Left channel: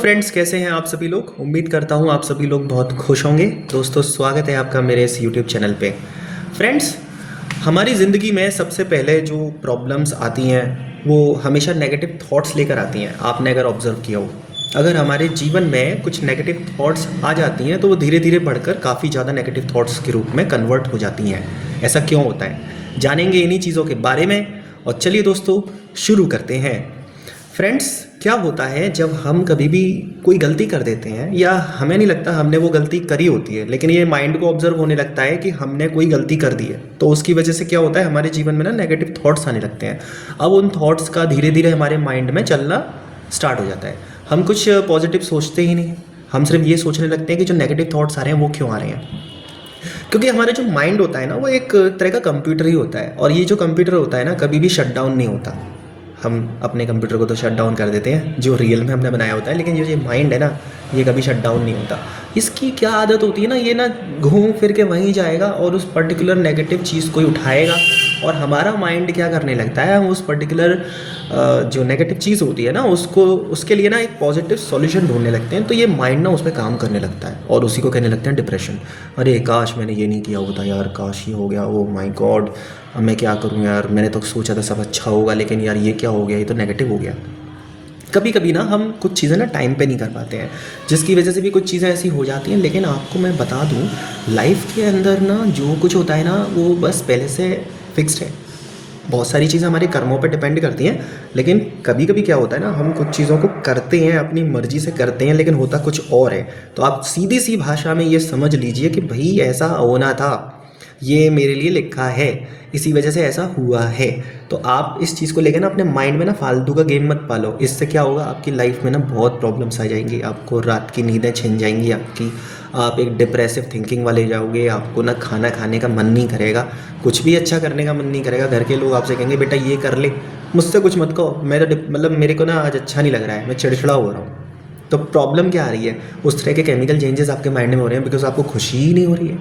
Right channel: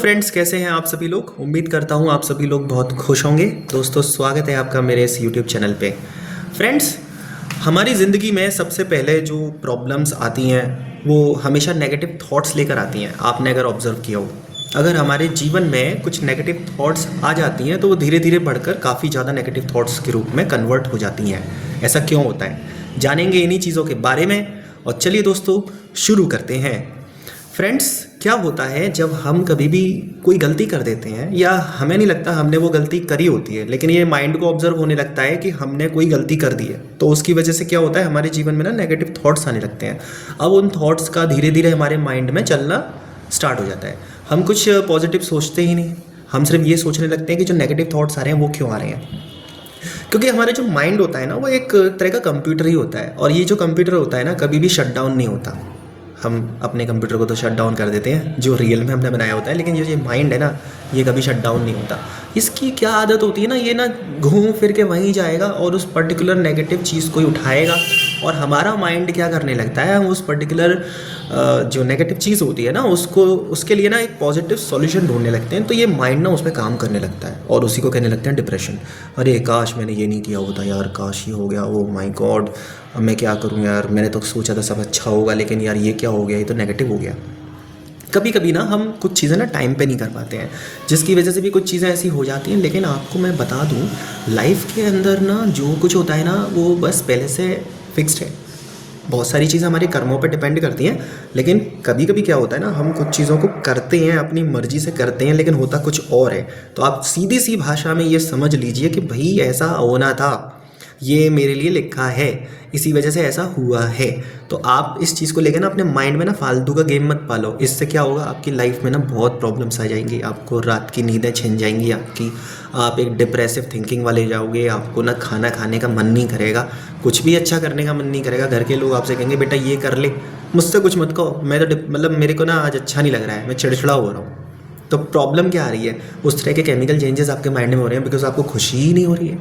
Friends, कैसे हैं आप सभी लोग। उम्मीद करता हूं आप सभी लोग बहुत खुश होंगे। दोस्तों, स्वागत है आपका मेरे इस यूट्यूब चैनल पे। फ्रेंड्स, हमारी ज़िंदगी में सबसे पहले जो प्रॉब्लम्स आती हैं वो हमेशा नेगेटिव थॉट्स लेकर आती हैं। आपने अगर ऑब्जर्व किया हो, अगर हमारे जीवन में कुछ नेगेटिव थॉट्स आ जाती हैं तो वो धीरे धीरे बढ़कर काफ़ी ज़्यादा नेगेटिव थॉट्स के रूप में कन्वर्ट हो जाती हैं। ऐसा क्यों होता है, जानेंगे इन्हीं चीज़ों के बारे में। और चलिए दोस्तों, शुरू करते हैं। फ्रेंड्स, क्या होता है जब हम कभी भी कोई गलती कर देते हैं या हमें नहीं लगता हमने वो गलती करी होती है, लेकिन ये माइंड को ऑब्जर्व होने लगता है कि हमने कोई गलती कर दी है, तो उसकी वजह से क्या होता है, हमारे जीवन में ना नेगेटिव थॉट्स आने लगते हैं। अब उन थॉट्स का धीरे धीरे हमारे माइंड में चलना स्टार्ट हो जाता है। हम कुछ पॉजिटिव सोचते ही नहीं, हम सिर्फ ये सोचने लगते हैं कि जो नेगेटिव थॉट्स आ रहे हैं वो क्यों आ रहे हैं। क्योंकि हमारा जो माइंड होता है ना, वो एक तरह का कंप्यूटर ही होता है, और ये जो कंप्यूटर होता है ना, कभी भी शट डाउन नहीं होता। हम अपने कंप्यूटर को तो शट डाउन कर देते हैं जो रियल में हमने बनाया होता है, लेकिन ये माइंड है ना, ये कभी शट डाउन नहीं होता। इसकी क्या आदत होती है ना, ये ना घूम फिर के वहीं जाएगा और उस पर्टिकुलर नेगेटिव चीज़ को ही उठाएगा, और हमारा माइंड क्या करने लगता है, हम उस पर्टिकुलर जो नेगेटिव चीज़ होती है ना, उसको उसके लिए ना एक पॉजिटिव सॉल्यूशन ढूंढने लगते हैं। तो ये माइंड ना उस पर काम करने लगता है और उसी को कहने लगते हैं डिप्रेशन। अरे काश मैंने ये नहीं किया होता यार, काश ये हो गया, ओ माय गॉड, अब मैं क्या करूं यार, मैंने तो सोचा था सब अच्छा होगा, लेकिन यार ये क्या हो गया, ये तो नेगेटिव हो गया। कभी कभी ना हम कुछ चीज़ें ना टाइम पे नहीं कर पाते हैं, जिसकी वजह से भी कुछ चीज़ें ऐसी हो जाती हैं। लेकिन आपको मैं बता दूं, लाइफ के अंदर ना जो कुछ होता है ना, वो बस पहले से फिक्स्ड है। बहुत सारी चीज़ें हमारे कर्मों पर डिपेंड करती हैं, लेकिन कभी कभी क्या होता है ना, हम कुछ चीज़ों को करते हैं, अपनी मर्जी से करते हैं, लेकिन होता कुछ और है। तो आप सीधी सी भाषा में ये समझ लीजिए कि भाई ऐसा होना था, ये मेरे लिए लिखा है, इसी वजह से ऐसा हुआ है। तो आप इस चीज़ को लेकर ना अपने माइंड में ना फालतू का गेम मत पालो। इससे क्या होगा, आपकी लाइफ में ना बहुत प्रॉब्लम्स आ जाएंगी, आपको रात की नींदें छिन जाएंगी आपकी, आप एक डिप्रेसिव थिंकिंग वाले जाओगे, आपको ना खाना खाने का मन नहीं करेगा, कुछ भी अच्छा करने का मन नहीं करेगा। घर के लोग आपसे कहेंगे बेटा ये कर ले, मुझसे कुछ मत कहो, मैं तो मतलब मेरे को ना आज अच्छा नहीं लग रहा है, मैं चिड़चिड़ा हो रहा हूँ। तो प्रॉब्लम क्या आ रही है, उस तरह के केमिकल चेंजेस आपके माइंड में हो रहे हैं, बिकॉज आपको खुशी ही नहीं हो रही है।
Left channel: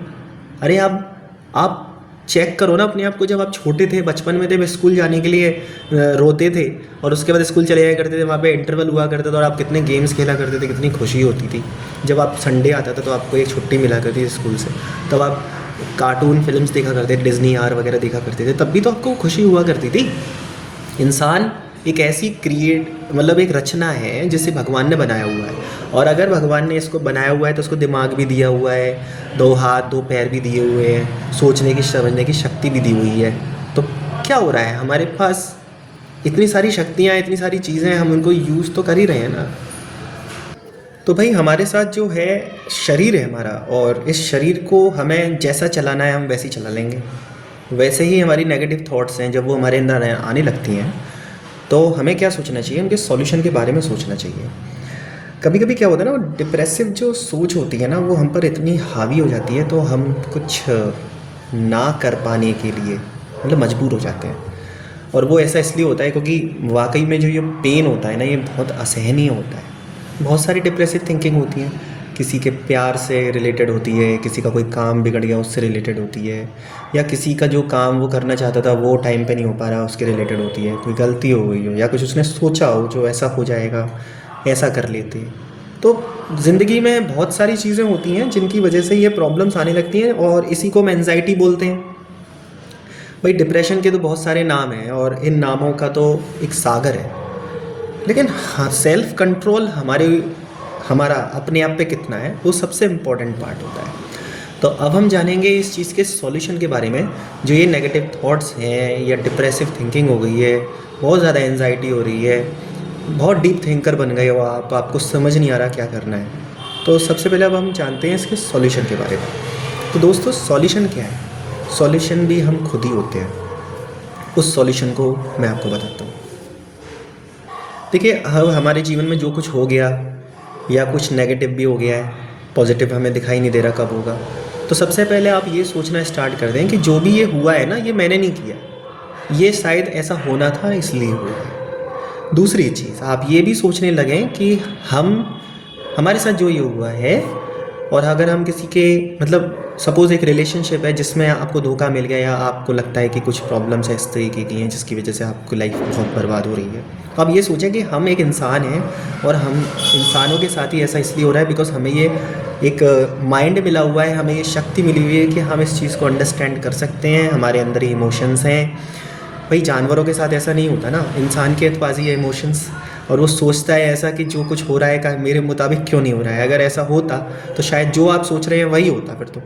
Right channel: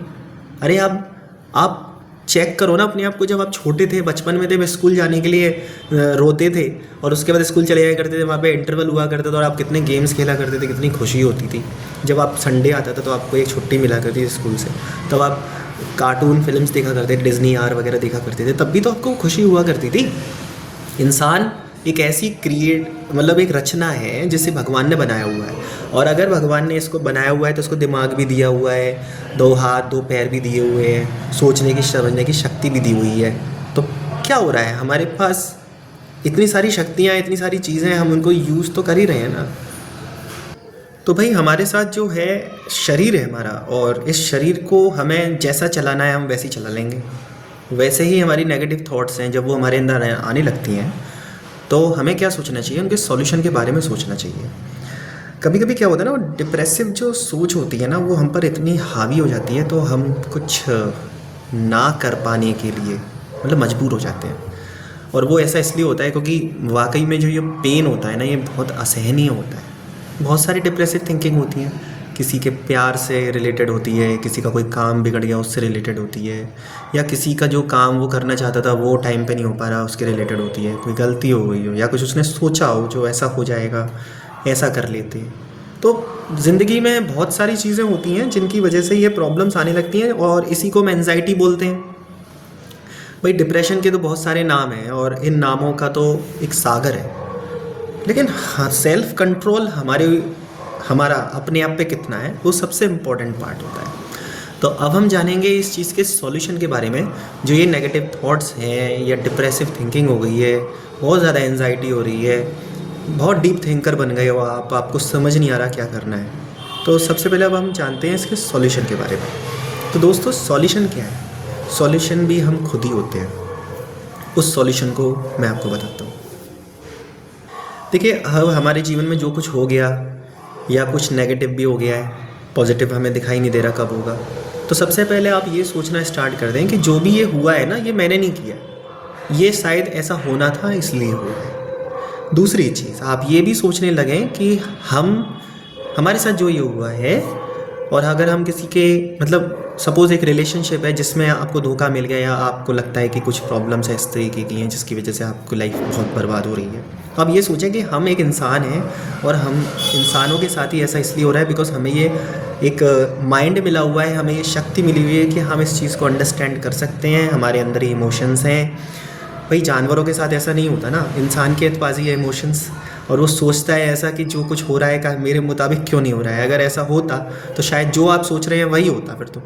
अरे आप चेक करो ना अपने आप को, जब आप छोटे थे, बचपन में थे, स्कूल जाने के लिए रोते थे, और उसके बाद स्कूल चले जाया करते थे, वहाँ पे इंटरवल हुआ करता था, और आप कितने गेम्स खेला करते थे, कितनी खुशी होती थी। जब आप संडे आता था तो आपको एक छुट्टी मिला करती थी स्कूल से, तब आप कार्टून फिल्म्स देखा करते थे, डिज्नी आर वगैरह देखा करते थे, तब भी तो आपको खुशी हुआ करती थी। इंसान एक ऐसी मतलब एक रचना है जिसे भगवान ने बनाया हुआ है, और अगर भगवान ने इसको बनाया हुआ है तो उसको दिमाग भी दिया हुआ है, 2 हाथ 2 पैर भी दिए हुए हैं, सोचने की समझने की शक्ति भी दी हुई है। तो क्या हो रहा है, हमारे पास इतनी सारी शक्तियाँ, इतनी सारी चीज़ें, हम उनको यूज़ तो कर ही रहे हैं ना। तो भाई हमारे साथ जो है शरीर है हमारा, और इस शरीर को हमें जैसा चलाना है हम वैसे ही चला लेंगे। वैसे ही हमारी नेगेटिव थॉट्स हैं, जब वो हमारे अंदर आने लगती हैं तो हमें क्या सोचना चाहिए, उनके सॉल्यूशन के बारे में सोचना चाहिए। कभी कभी क्या होता है ना, वो डिप्रेसिव जो सोच होती है ना, वो हम पर इतनी हावी हो जाती है, तो हम कुछ ना कर पाने के लिए मतलब मजबूर हो जाते हैं। और वो ऐसा इसलिए होता है क्योंकि वाकई में जो ये पेन होता है ना, ये बहुत असहनीय होता है। बहुत सारी डिप्रेसिव थिंकिंग होती हैं, किसी के प्यार से रिलेटेड होती है, किसी का कोई काम बिगड़ गया उससे रिलेटेड होती है, या किसी का जो काम वो करना चाहता था वो टाइम पे नहीं हो पा रहा उसके रिलेटेड होती है, कोई गलती हो गई हो, या कुछ उसने सोचा हो जो ऐसा हो जाएगा, ऐसा कर लेते। तो ज़िंदगी में बहुत सारी चीज़ें होती हैं जिनकी वजह से ये प्रॉब्लम्स आने लगती हैं, और इसी को हम एंजाइटी बोलते हैं। भाई डिप्रेशन के तो बहुत सारे नाम हैं, और इन नामों का तो एक सागर है, लेकिन हाँ, सेल्फ कंट्रोल हमारा अपने आप पे कितना है, वो सबसे इम्पोर्टेंट पार्ट होता है। तो अब हम जानेंगे इस चीज़ के सॉल्यूशन के बारे में। जो ये नेगेटिव थॉट्स हैं या डिप्रेसिव थिंकिंग हो गई है, बहुत ज़्यादा एंजाइटी हो रही है, बहुत डीप थिंकर बन गए हो आप, आपको समझ नहीं आ रहा क्या करना है, तो सबसे पहले अब हम जानते हैं इसके सॉल्यूशन के बारे में। तो दोस्तों, सॉल्यूशन क्या है, सॉल्यूशन भी हम खुद ही होते हैं। उस सॉल्यूशन को मैं आपको बताता हूँ। देखिए, हमारे जीवन में जो कुछ हो गया, या कुछ नेगेटिव भी हो गया है, पॉजिटिव हमें दिखाई नहीं दे रहा कब होगा, तो सबसे पहले आप ये सोचना स्टार्ट कर दें कि जो भी ये हुआ है ना, ये मैंने नहीं किया, ये शायद ऐसा होना था इसलिए हुआ है। दूसरी चीज़, आप ये भी सोचने लगें कि हमारे साथ जो ये हुआ है, और अगर हम किसी के मतलब सपोज़ एक रिलेशनशिप है जिसमें आपको धोखा मिल गया, या आपको लगता है कि कुछ प्रॉब्लम्स है इस तरीके की हैं जिसकी वजह से आपकी लाइफ बहुत बर्बाद हो रही है, अब ये सोचें कि हम एक इंसान हैं और हम इंसानों के साथ ही ऐसा इसलिए हो रहा है बिकॉज हमें ये एक माइंड मिला हुआ है, हमें ये शक्ति मिली हुई है कि हम इस चीज़ को अंडरस्टैंड कर सकते हैं, हमारे अंदर ही इमोशंस हैं। भाई जानवरों के साथ ऐसा नहीं होता ना, इंसान के पास ये इमोशंस, और वो सोचता है ऐसा कि जो कुछ हो रहा है का मेरे मुताबिक क्यों नहीं हो रहा है। अगर ऐसा होता तो शायद जो आप सोच रहे हैं वही होता फिर तो।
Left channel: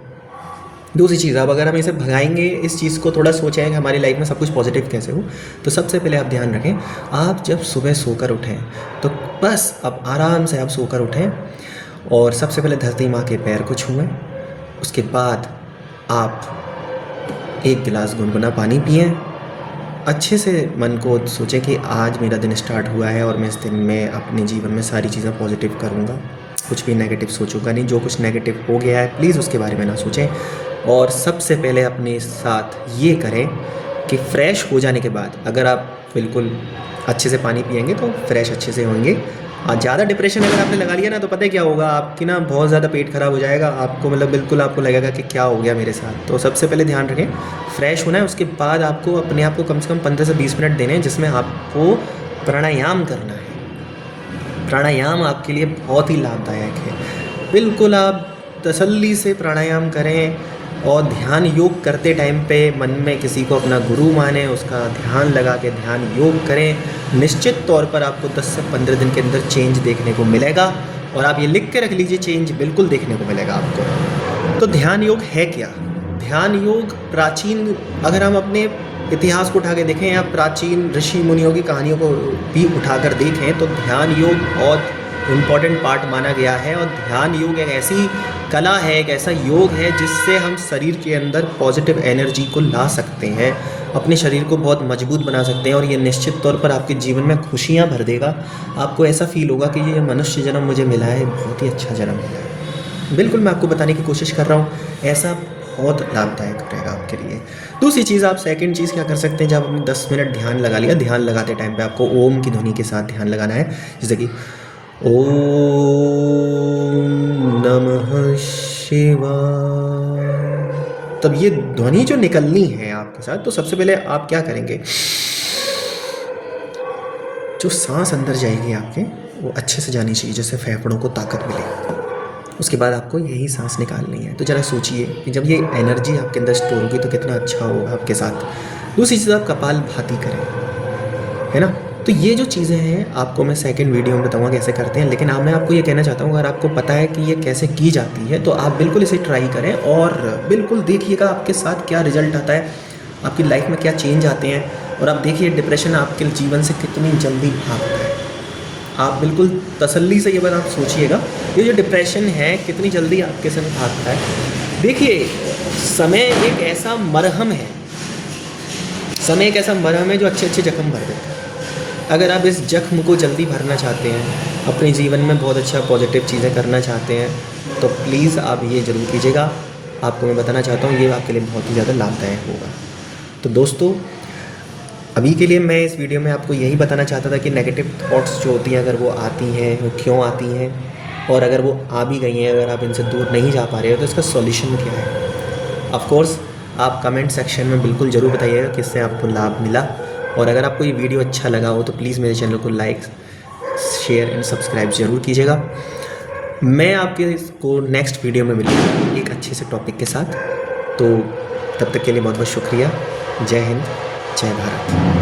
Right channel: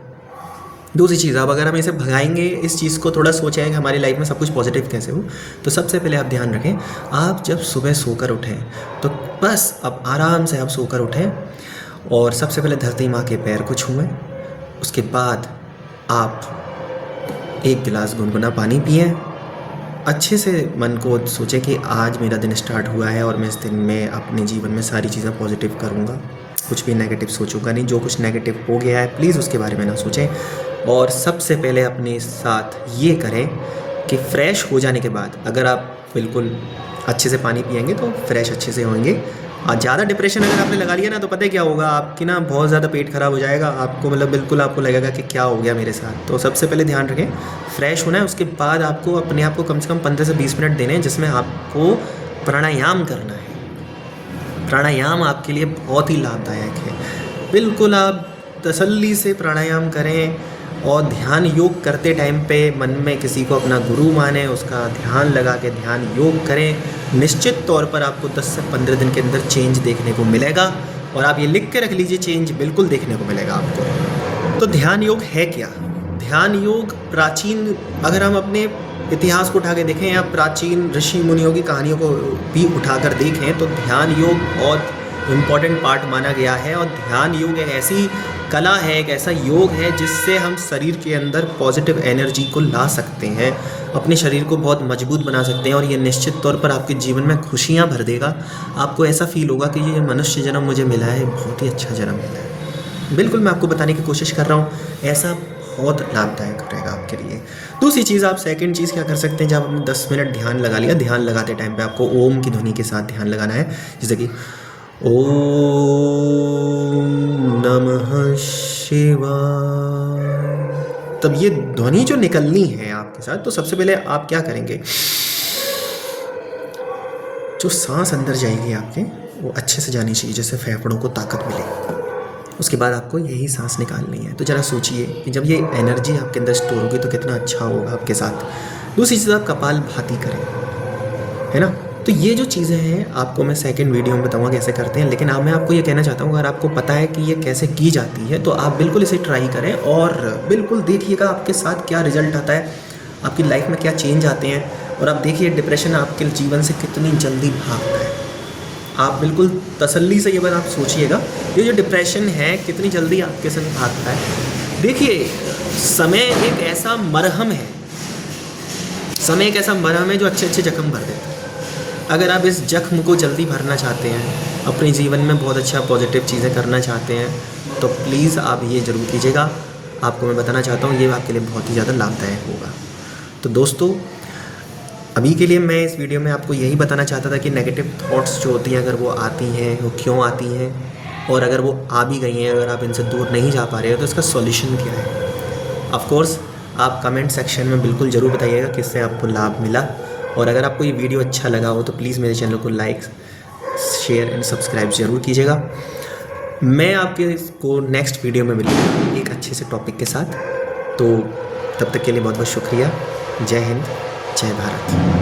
दूसरी चीज़, अब अगर हम इसे भगाएंगे, इस चीज़ को थोड़ा सोचें कि हमारी लाइफ में सब कुछ पॉजिटिव कैसे हो, तो सबसे पहले आप ध्यान रखें, आप जब सुबह सोकर उठें तो बस अब आराम से आप सोकर उठें और सबसे पहले धरती माँ के पैर को छुएं। उसके बाद आप एक गिलास गुनगुना पानी पिएं। अच्छे से मन को सोचें कि आज मेरा दिन स्टार्ट हुआ है और मैं इस दिन में अपने जीवन में सारी चीज़ें पॉजिटिव करूँगा, कुछ भी नेगेटिव सोचूंगा नहीं। जो कुछ नेगेटिव हो गया है प्लीज़ उसके बारे में ना सोचें। और सबसे पहले अपने साथ ये करें कि फ़्रेश हो जाने के बाद अगर आप बिल्कुल अच्छे से पानी पिएंगे तो फ्रेश अच्छे से होंगे। ज़्यादा डिप्रेशन अगर आपने लगा लिया ना तो पता है क्या होगा, आपकी ना बहुत ज़्यादा पेट ख़राब हो जाएगा, आपको मतलब बिल्कुल आपको लगेगा कि क्या हो गया मेरे साथ। तो सबसे पहले ध्यान रखें, फ्रेश होना है। उसके बाद आपको अपने आप को कम से कम 15 से 20 मिनट देने हैं जिसमें आपको प्राणायाम करना है। प्राणायाम आपके लिए बहुत ही लाभदायक है। बिल्कुल आप तसल्ली से प्राणायाम करें और ध्यान योग करते टाइम पे मन में किसी को अपना गुरु माने, उसका ध्यान लगा के ध्यान योग करें। निश्चित तौर पर आपको 10 से 15 दिन के अंदर चेंज देखने को मिलेगा और आप ये लिख के रख लीजिए, चेंज बिल्कुल देखने को मिलेगा आपको। तो ध्यान योग है क्या? ध्यान योग प्राचीन, अगर हम अपने इतिहास को उठा के देखें या प्राचीन ऋषि मुनियों की कहानियों को भी उठाकर देखें तो ध्यान योग बहुत इम्पॉर्टेंट पार्ट माना गया है। और ध्यान योग एक ऐसी कला है, एक ऐसा योग है जिससे हम शरीर के अंदर पॉजिटिव एनर्जी को ला सकते हैं, अपने शरीर को बहुत मजबूत बना सकते हैं और ये निश्चित तौर पर आपके जीवन में खुशियाँ भर देगा। आपको ऐसा फील होगा कि ये मनुष्य जन्म मुझे मिला है, बहुत ही अच्छा जन्म मिला है। बिल्कुल मैं आपको बताने की कोशिश कर रहा हूँ, ऐसा बहुत लाभदायक रहेगा आपके लिए। दूसरी चीज़, आप सेकंड चीज़ क्या कर सकते हैं, जब आपने 10 मिनट ध्यान लगा लिया, ध्यान लगाते टाइम पे आपको ओम की ध्वनि के साथ ध्यान लगाना है, जैसे कि ओम नमः शिवाय। तब ये ध्वनि जो निकलनी है आपके साथ, तो सबसे पहले आप क्या करेंगे, जो सांस अंदर जाएगी आपके वो अच्छे से जानी चाहिए, जैसे फेफड़ों को ताकत मिले। उसके बाद आपको यही सांस निकालनी है। तो ज़रा सोचिए कि जब ये एनर्जी आपके अंदर स्टोर होगी तो कितना अच्छा होगा आपके साथ। दूसरी चीज़, आप कपालभाति करें, है ना। तो ये जो चीज़ें हैं आपको मैं सेकंड वीडियो में बताऊंगा कैसे करते हैं, लेकिन मैं आपको ये कहना चाहता हूँ, अगर आपको पता है कि ये कैसे की जाती है तो आप बिल्कुल इसे ट्राई करें और बिल्कुल देखिएगा आपके साथ क्या रिजल्ट आता है, आपकी लाइफ में क्या चेंज आते हैं। और आप देखिए डिप्रेशन आपके जीवन से कितनी जल्दी भागता है। आप बिल्कुल तसल्ली से ये बात आप सोचिएगा, ये जो डिप्रेशन है कितनी जल्दी आपके संग भागता है। देखिए समय एक ऐसा मरहम है, समय एक ऐसा मरहम है जो अच्छे अच्छे जख्म भर देता है। अगर आप इस जख्म को जल्दी भरना चाहते हैं, अपने जीवन में बहुत अच्छा पॉजिटिव चीज़ें करना चाहते हैं, तो प्लीज़ आप ये ज़रूर कीजिएगा। आपको मैं बताना चाहता हूँ ये आपके लिए बहुत ही ज़्यादा लाभदायक होगा। तो दोस्तों अभी के लिए मैं इस वीडियो में आपको यही बताना चाहता था कि नेगेटिव थॉट्स जो होती हैं अगर वो आती हैं वो क्यों आती हैं, और अगर वो आ भी गई हैं, अगर आप इनसे दूर नहीं जा पा रहे हो तो इसका सॉल्यूशन क्या है। ऑफ कोर्स आप कमेंट सेक्शन में बिल्कुल ज़रूर बताइएगा किससे आपको लाभ मिला। और अगर आपको ये वीडियो अच्छा लगा हो तो प्लीज़ मेरे चैनल को लाइक, शेयर एंड सब्सक्राइब ज़रूर कीजिएगा। मैं आपके इसको नेक्स्ट वीडियो में मिलूँगा एक अच्छे से टॉपिक के साथ। तो तब तक के लिए बहुत बहुत शुक्रिया। जय हिंद, जय भारत।